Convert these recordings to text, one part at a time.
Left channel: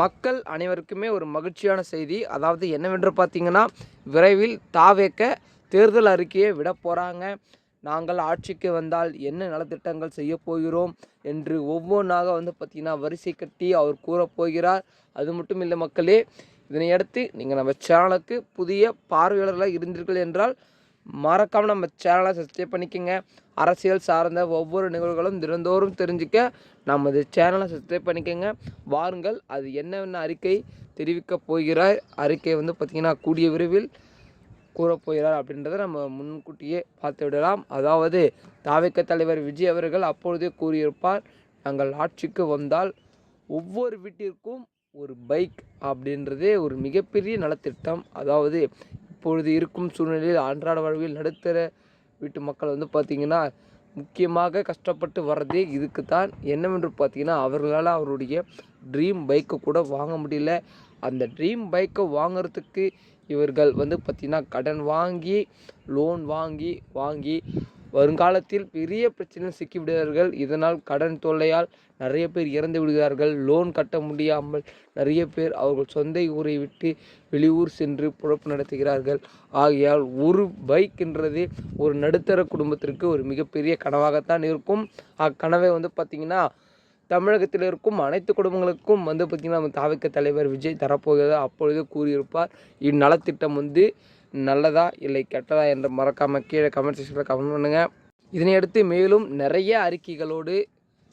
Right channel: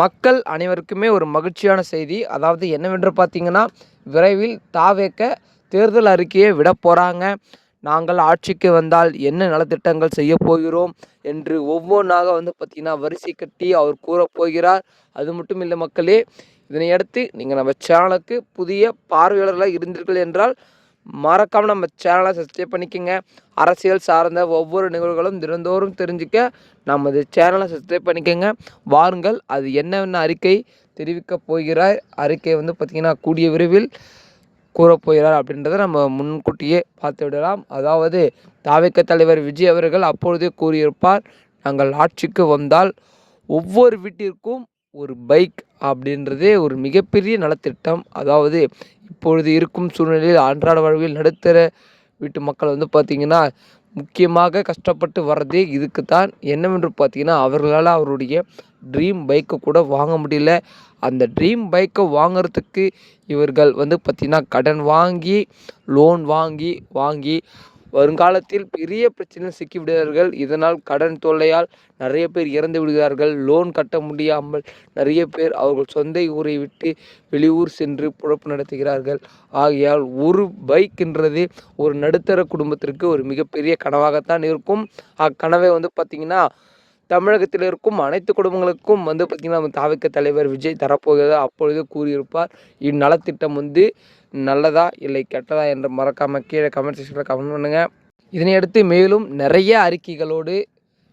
மக்கள் அனைவருக்குமே ஒரு மகிழ்ச்சியான செய்தி. அதாவது என்னவென்று பார்த்தீங்கன்னா விரைவில் தாவேக்க தேர்தல் அறிக்கையை விட போகிறாங்க நாங்கள் ஆட்சிக்கு வந்தால் என்ன நலத்திட்டங்கள் செய்ய போகிறோம் என்று ஒவ்வொன்றாக வந்து பார்த்திங்கன்னா வரிசை கட்டி அவர் கூறப் போகிறார். அது மட்டும் இல்லை மக்களே இதனையடுத்து நீங்கள் நம்ம சேனலுக்கு புதிய பார்வையாளர்களாக இருந்தீர்கள் என்றால் மறக்காமல் நம்ம சேனலை சப்ஸ்கிரைப் பண்ணிக்கோங்க. அரசியல் சார்ந்த ஒவ்வொரு நிகழ்வுகளும் தினந்தோறும் தெரிஞ்சுக்க நமது சேனலை சப்ஸ்கிரைப் பண்ணிக்கோங்க. வாருங்கள் அது என்னென்ன அறிக்கை தெரிவிக்க போகிறார்? அறிக்கை வந்து பார்த்திங்கன்னா கூடிய விரைவில் கூறப்போகிறார் அப்படின்றத நம்ம முன்கூட்டியே பார்த்து விடலாம். அதாவது தாவேக்க தலைவர் விஜய் அவர்கள் அப்பொழுதே கூறியிருப்பார் நாங்கள் ஆட்சிக்கு வந்தால் ஒவ்வொரு வீட்டிற்கும் ஒரு பைக் அப்படின்றதே ஒரு மிகப்பெரிய நலத்திட்டம். அதாவது இப்பொழுது இருக்கும் சூழ்நிலையில் அன்றாட வாழ்வில் நடுத்தர வீட்டு மக்கள் வந்து பார்த்திங்கன்னா முக்கியமாக கஷ்டப்பட்டு வர்றதே இதுக்கு தான் என்னவென்று பார்த்தீங்கன்னா அவர்களால் அவருடைய ட்ரீம் பைக்கை கூட வாங்க முடியல. அந்த ட்ரீம் பைக்கை வாங்குறதுக்கு இவர்கள் வந்து பார்த்திங்கன்னா கடன் வாங்கி லோன் வாங்கி வாங்கி வருங்காலத்தில் பெரிய பிரச்சனையில் சிக்கிவிடுகிறார்கள். இதனால் கடன் தொல்லையால் நிறைய பேர் இறந்து விடுகிறார்கள். லோன் கட்ட முடியாமல் நிறைய பேர் அவர்கள் சொந்த ஊரை விட்டு வெளியூர் சென்று பொழப்பு நடத்துகிறார்கள். ஆகையால் ஒரு பைக் என்றது ஒரு நடுத்தர குடும்பத்திற்கு ஒரு மிகப்பெரிய கனவாகத்தான் இருக்கும். அக்கனவை வந்து பார்த்திங்கன்னா தமிழகத்தில் இருக்கும் அனைத்து குடும்பங்களுக்கும் வந்து பார்த்திங்கன்னா நம்ம தாவிக்க தலைவர் விஜய் தரப்போகிறதா. அப்பொழுது கூறியிருப்பார் இந்நலத்திட்டம் வந்து நல்லதா இல்லை கெட்டதா என்று மறக்காமல் கீழே கமெண்ட் செக்ஷனில் கமெண்ட் பண்ணுங்கள் இதனையடுத்து மேலும் நிறைய அறிக்கைகளோடு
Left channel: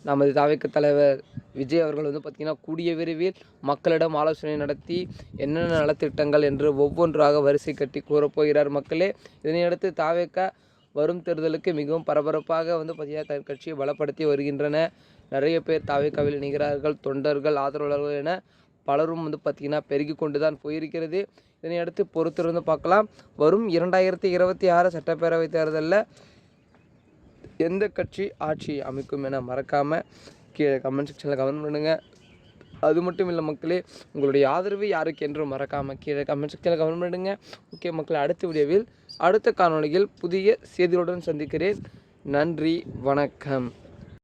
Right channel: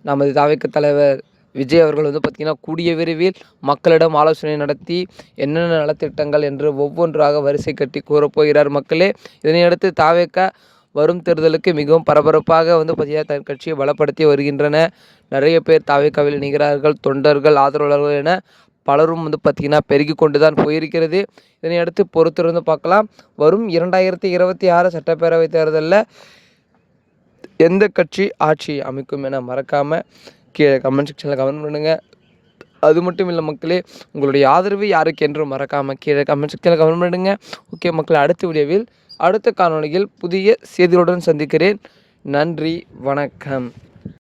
நமது தாவிக்க தலைவர் விஜய் அவர்கள் வந்து பார்த்திங்கன்னா கூடிய விரைவில் மக்களிடம் ஆலோசனை நடத்தி என்னென்ன நலத்திட்டங்கள் என்று ஒவ்வொன்றாக வரிசை கட்டி கூறப்போகிறார் மக்களே. இதனையடுத்து தாவேக்க வரும் தேர்தலுக்கு மிகவும் பரபரப்பாக வந்து பார்த்திங்கன்னா தன் கட்சியை பலப்படுத்தி வருகின்றன. நிறைய பேர் தாவேக்காவில் இணைகிறார்கள் தொண்டர்கள் ஆதரவாளர்கள் என பலரும் வந்து பார்த்திங்கன்னா பெருகி கொண்டு தான் போயிருக்கிறது இதனையடுத்து பொறுத்திருந்து பார்க்கலாம். வரும் இரண்டாயிரத்தி இருபத்தி ஆறு சட்டப்பேரவை தேர்தலில் எந்த கட்சி ஆட்சி அமைக்கும் என மறக்காமல் கீழே கமெண்ட் செக்ஷனில் கமெண்ட் பண்ணுங்கள் அது மட்டும் இல்லை மக்களே உங்களுடைய ஆதரவு யாருக்கு என்றும் மறக்காமல் கீழே கமெண்ட் செக்ஷனில் கமெண்ட் பண்ணுங்கள் ஓகே மக்களை அடுத்த வீடியோவில் அடுத்த காணொளியில் புதிய செய்திகளுடன் சந்திக்கிறேன். நன்றி வணக்கம்.